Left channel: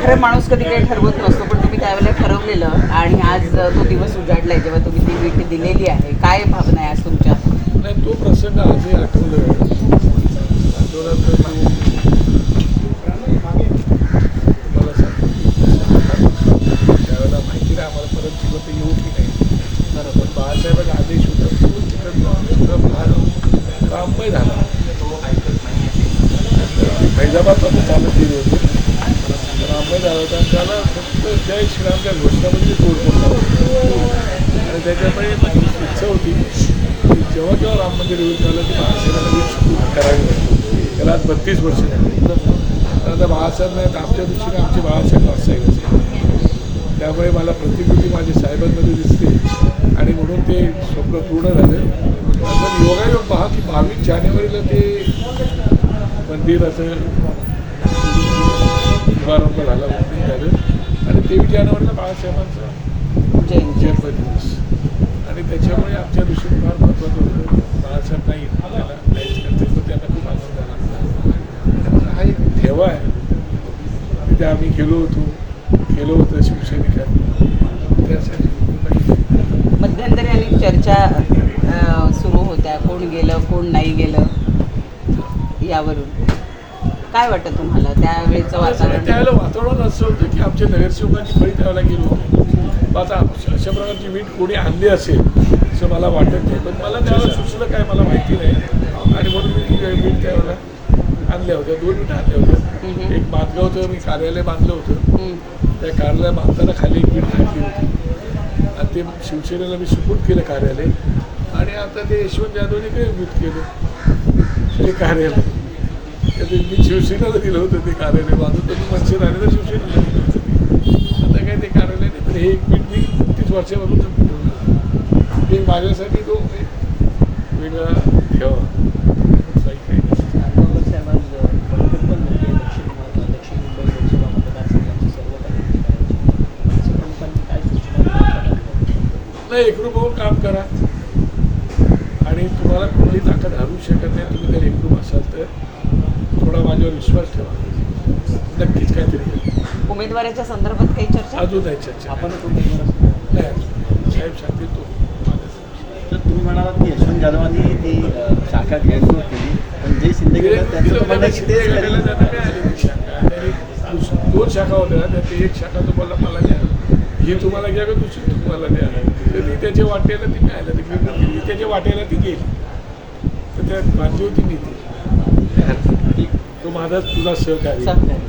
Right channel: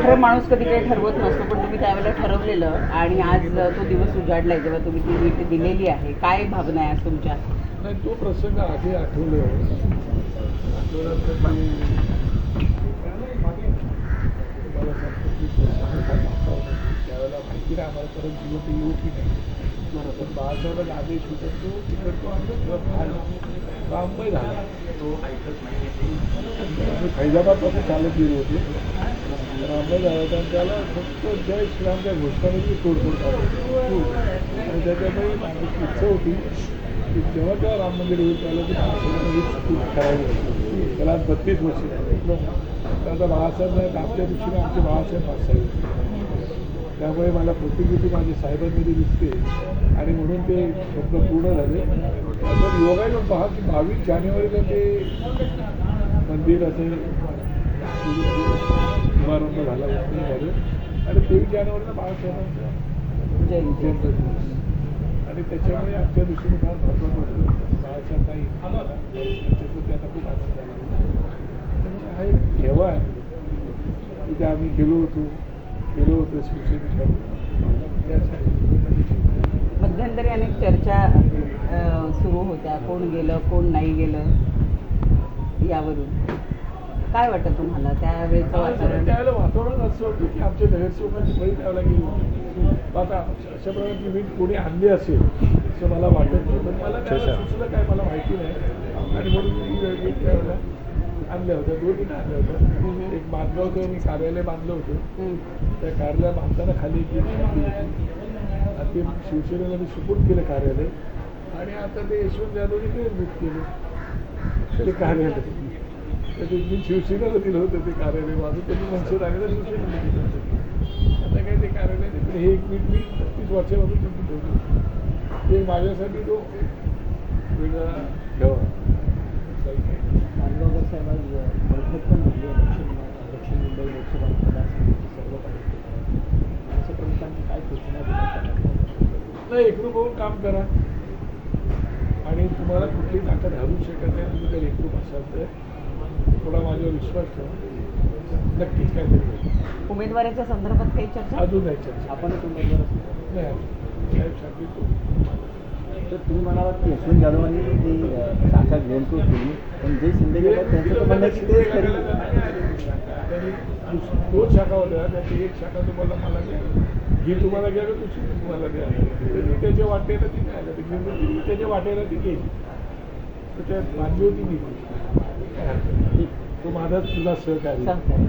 खरं माणूस कधी काही ठरवत नसतो पण तुम्ही त्यावेळेला ठरवलेलं आणि आज तो दिवस उजाडलाय जेव्हा तुम्ही ती वीट दिलेली आहे. काय भावना आहे आज तुमच्या? नाही तो प्रसंग आजही आठवलं सांगतो की त्यावेळेला माहिती नाही आम्हाला परत जिवंत येऊ की नाही बरोबर. पण बाळासाहेबांचा आदेश होता तो फार राममय झाला. फैजाबादला फैजाबादपासून चालत गेले होते. रामबाई झाला होता त्याला फक्त त्या श्रीरामच्या घोषणामध्ये तोडफोड झाली आणि त्याच्यामुळे माझी इच्छा होती की जेव्हा जेव्हा राम मंदिर येऊन त्याला ती बाळासाहेबांना वीज करावी लागते त्याला आज बत्तीस वर्ष झाली. तर आता बाळासाहेब आमच्या दृष्टीने आमचे बाळासाहेब वास्तविक त्यामुळे मला प्रतिकृती माझ्या साहेबांमध्ये दिसते. आणि म्हणून ते स्वप्न पूर्ण झालं. पण योगायोग पहा की बावीस जानेवारीला ते मंदिराचं शुभारंभ झाला ओपनिंग झालं. आणि तेवीस जानेवारीला बाळासाहेबांचा जयंती जन्मदिवस. आणि त्याच्यामुळे आमच्या दृष्टीने फार महत्त्वाचं होतं. बाळासाहेब नाही त्याला काहीच करते पण त्यांना खूप आनंद झाला. हा एक ठेवा आहे. तिथे आम्ही गेलो होतो. गेलो होतो शिवसैनिकांनी त्यासाठी मध्यंतरी अनेक चर्चा सुरू होत्या. कोण गेलं कोण नाही गेलं. यावरून. काय वाटतं तुम्हाला त्यावेळेचं वातावरण? त्यावेळेला वातावरण असं होतं की आमच्या नगरसेवकांची फळी त्यावेळेला गेलो होतो. आता अशा प्रकारची वीट कोणी आणली असेल असं मला वाटत नाही. पण मला त्यावेळेला सुचलं काय मला माहिती नाही. आणि म्हणून मी ती वीट त्यावेळेला आणल्या होत्या. दोन विटा आणल्या होत्या. एक बांधगावचं मी कार्यालय बांधलं होतं. हं. त्या कार्यालय बांधताना खाली एक वीट घातली होती. आणि ते शिवसेनेला मी सुपूर्द केलं कार्यालय. आणि आता ते यशवंत जाधवने काही वीट केलं? ते कार्यालय. तर ते मी शिवसेनेला दिलं होतं ते कार्यालय. माझं तर मी मनसे राहिलेलं शिवसेनेला दिलं होतं. ते. आता काय ते कार्यालय नाही तर हे एक वीट मी तीस वर्षापासून ठेवलं ते माझ्यासाठी तो एक वेगळा ठेवा काही नाही एकरूप होऊन काम करा. आणि तुम्हाला कुठली ताकद हरू शकत नाही तुम्ही जर एकरूप असाल तर थोडा माझ्यावर विश्वास ठेवा. नक्कीच काहीतरी. उमेदवाराच्या संदर्भात काही चर्चा? अजून नाही चर्चा. आपणच उमेदवार नाही. साहेब सांगतील तो तर तुम्ही म्हणालात की यशवंत जाधवांनी ती शाखा घेरतोड केली. पण जे शिंदे गटात त्यांचं म्हणणं ती दोन शाखा होत्या त्यात एक शाखा तुम्हाला मला द्या. ही तुम्हाला घ्या का दुसरी तुम्हाला द्या. तर ती त्याच्या वाटेला ती काय आलं ती गेली त्याच्या वाटेला ती गेली. तर त्यात बांधली होती मी ती. तो माझा तुझा सहकारी. सहकारी.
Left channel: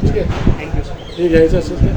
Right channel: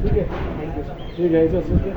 ठीक आहे. थँक्यू हे घ्यायचं असेल तर.